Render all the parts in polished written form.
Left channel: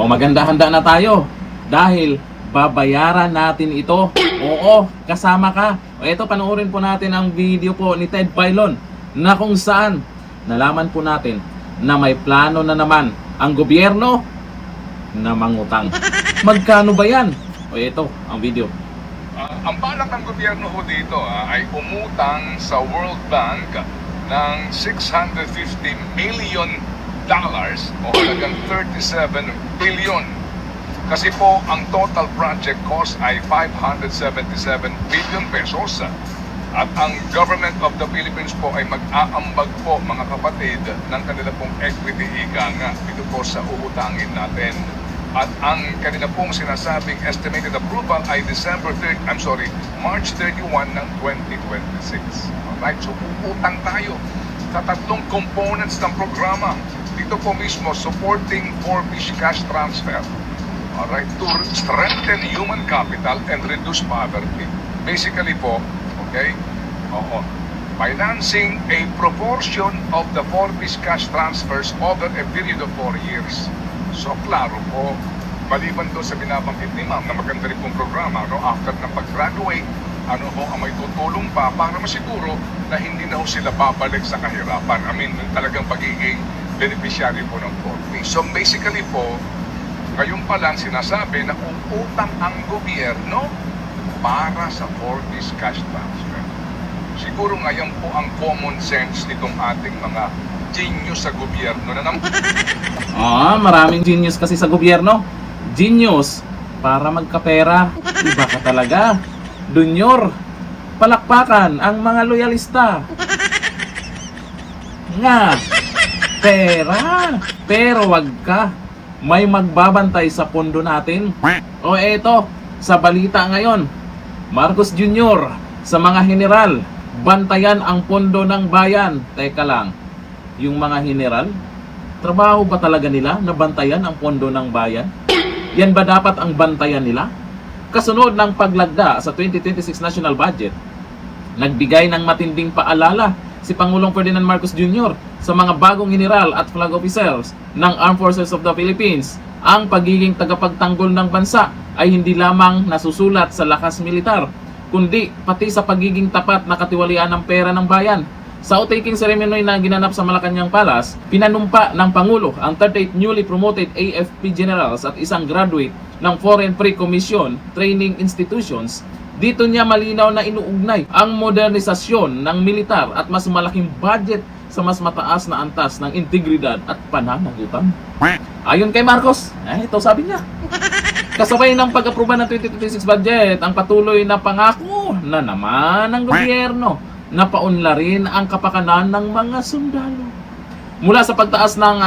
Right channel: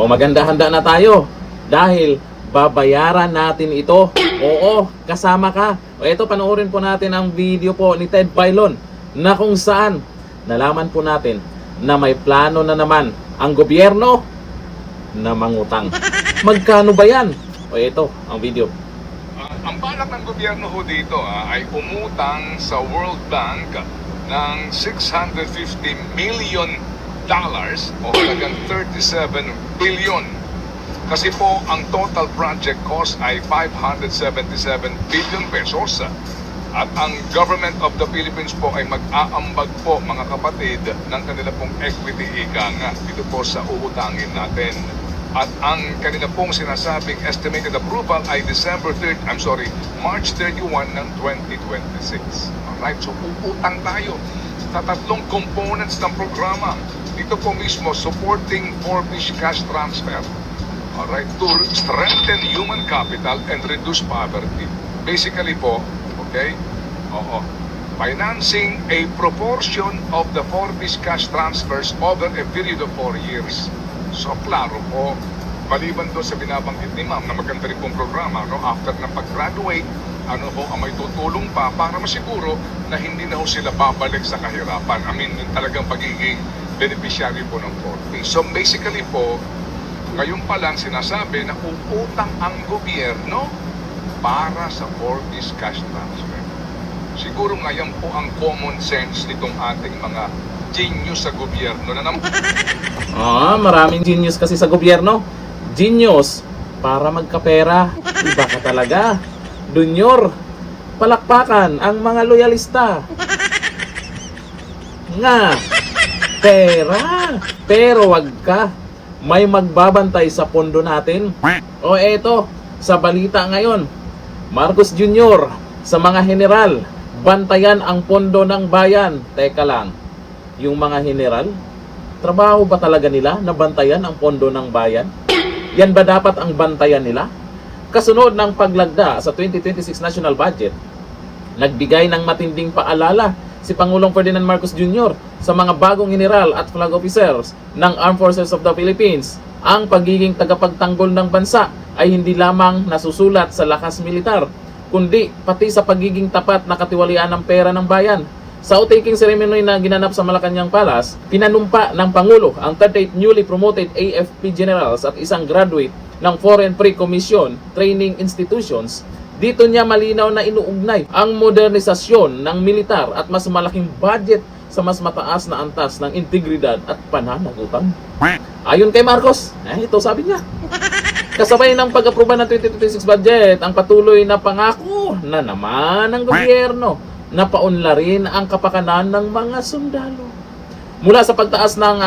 O maganda-handa na tayo dahil babayaran natin ito. Oo, kasama ka. O ito, panoorin po natin ang video po ni Ted Filon na kung saan nalaman po natin na may plano na naman ang gobyerno na mangutang. Magkano ba yan? O ito, ang video. Ang balak ng gobyerno ho dito ay umutang sa World Bank ng $650 million o halagang 37 billion. Kasi po ang total project cost ay 577 billion pesos. At ang government of the Philippines po ay mag-aambag po, mga kapatid, ng kanila pong equity ika nga. Ito po sa uutangin natin. At ang kanina pong sinasabing estimated approval ay March 31 ng 2026. Alright, so uutang tayo sa tatlong components ng programa. Ito po mismo, supporting 4-fish cash transfer. Alright, to strengthen human capital and reduce poverty. Basically po, okay, financing a proportion of the 4-fish cash transfers over a period of 4 years. So, klaro po, maliban doon sa binabanggit ni ma'am na maganda rin pong programa, no? After na pag-graduate, ang may tutulong pa para masiguro na hindi na ho sila babalik sa kahirapan. Talagang pagiging beneficiary po ng 4P. So, basically po, ngayon pa lang sinasabi na uutang ang gobyerno para sa 4P's cash transfer. Siguro ngayon po ang common sense nitong ating mga genius sa gobyerno na naman. Maraming genius kasi sa gobyerno. Genius para magkapera. Iba ka talaga. Dunyor, palakpakan ang mga loyalista. Nga, pera. Pero wag ka. May magbabantay sa pondo natin. O eto, sa balita ngayon, Marcos Jr. sa mga general, bantayan ang pondo ng bayan. Teka lang. Yung mga general, trabaho ba talaga nila na bantayan ang pondo ng bayan? Yan ba dapat ang bantayan nila? Kasunod ng paglagda sa 2026 national budget, nagbigay ng matinding paalala si Pangulong Ferdinand Marcos Jr. sa mga bagong general at flag officers ng Armed Forces of the Philippines. Ang pagiging tagapagtanggol ng bansa ay hindi lamang nasusulat sa lakas militar, kundi pati sa pagiging tapat na katiwalian ng pera ng bayan. Sa outtaking ceremony na ginanap sa Malacanang Palace, pinanumpa ng Pangulo ang 38 newly promoted AFP generals at isang graduate ng Foreign Pre-Commission Training Institutions. Dito niya malinaw na inuugnay ang modernisasyon ng militar at mas malaking budget sa mas mataas na antas ng integridad at pananagutan. Ayon kay Marcos, ito sabi niya. Kasabay ng pag-aproba ng 2026 budget, ang patuloy na pangako na naman ng gobyerno na paunlarin ang kapakanan ng mga sundalo. Mula sa pagtaas ng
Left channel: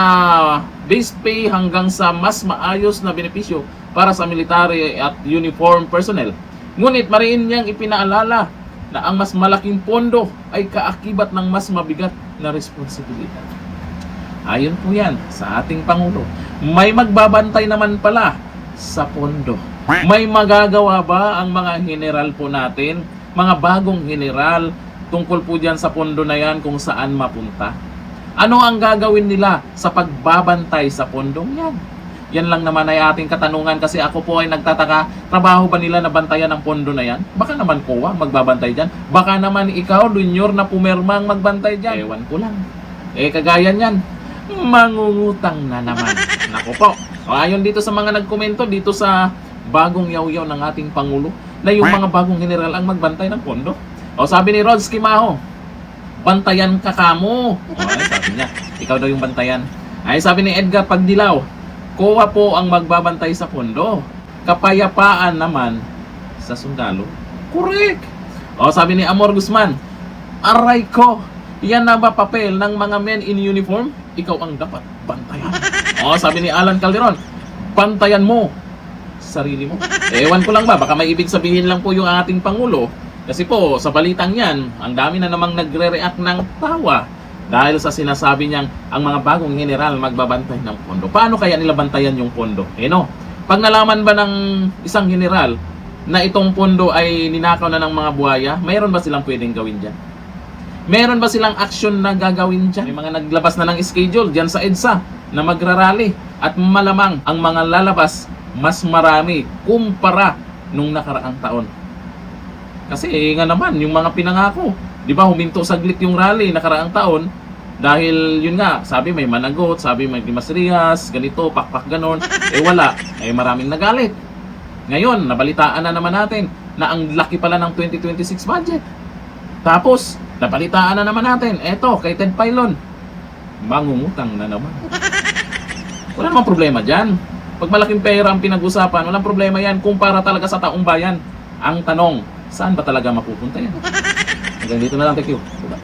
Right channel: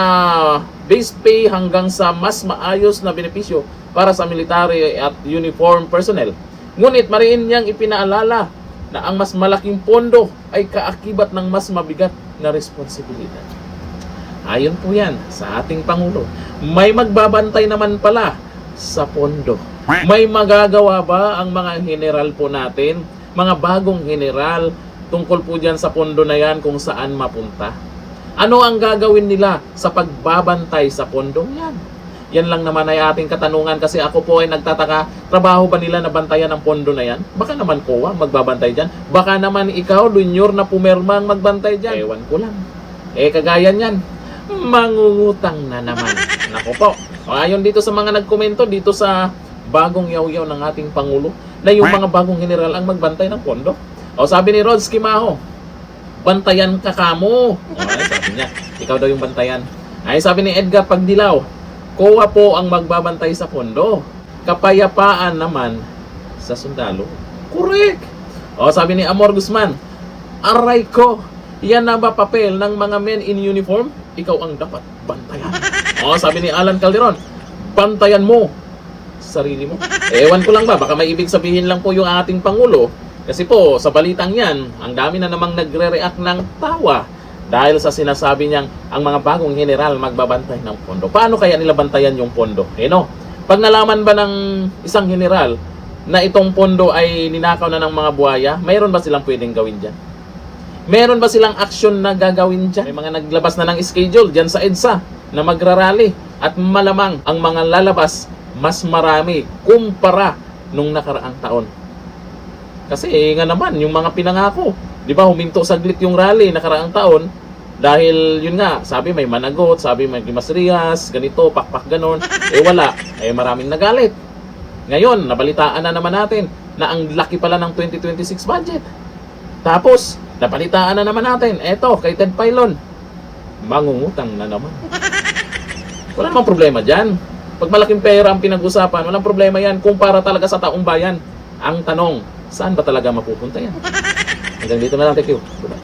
base pay hanggang sa mas maayos na benepisyo para sa military at uniform personnel. Ngunit mariin niyang ipinaalala na ang mas malaking pondo ay kaakibat ng mas mabigat na responsibilidad. Ayon po yan sa ating Pangulo, may magbabantay naman pala sa pondo. May magagawa ba ang mga general po natin, mga bagong general, tungkol po dyan sa pondo na yan kung saan mapunta? Ano ang gagawin nila sa pagbabantay sa pondo yan? Yan lang naman ay ating katanungan kasi ako po ay nagtataka, trabaho ba nila na bantayan ang pondo na yan? Baka naman COA magbabantay dyan. Baka naman ikaw, Dunyor, na pumirmang magbantay dyan. Ewan ko lang. Kagaya niyan, mangungutang na naman. Naku po. Ayon dito sa mga nagkomento dito sa bagong yaw-yaw ng ating Pangulo na yung mga bagong general ang magbantay ng pondo. Sabi ni Rodsky Maho, bantayan ka kamo. Sabi niya, ikaw daw yung bantayan. Sabi ni Edgar Pagdilaw, COA po ang magbabantay sa pondo. Kapayapaan naman sa sundalo. Correct. Sabi ni Amor Guzman, aray ko, yan na ba papel ng mga men in uniform? Ikaw ang dapat bantayan. Sabi ni Alan Calderon, bantayan mo sarili mo. Ewan ko lang ba, baka may ibig sabihin lang po yung ating Pangulo. Kasi po, sa balitang yan, ang dami na namang nagre-react ng tawa dahil sa sinasabi niyang ang mga bagong general magbabantay ng pondo. Paano kaya nila bantayan yung pondo? Pag nalaman ba ng isang general na itong pondo ay ninakaw na ng mga buhaya, mayroon ba silang pwedeng gawin dyan? Meron ba silang action na gagawin dyan? May mga naglabas na ng schedule dyan sa EDSA na magrarally. At malamang ang mga lalabas mas marami kumpara nung nakaraang taon. Kasi nga naman, yung mga pinangako, di ba huminto saglit yung rally nakaraang taon dahil yun nga, sabi may managot, sabi may Dimas-Rias, ganito, pakpak ganon, wala, maraming nagalit. Ngayon, nabalitaan na naman natin na ang laki pala ng 2026 budget. Tapos, nabalitaan na naman natin, eto, kay Ted Filon, mangungutang na naman. Wala namang problema dyan. Pag malaking pera ang pinag-usapan, walang problema yan kumpara talaga sa taong bayan. Ang tanong, saan ba talaga mapupunta yan? Hanggang dito na lang, thank you. Bye-bye.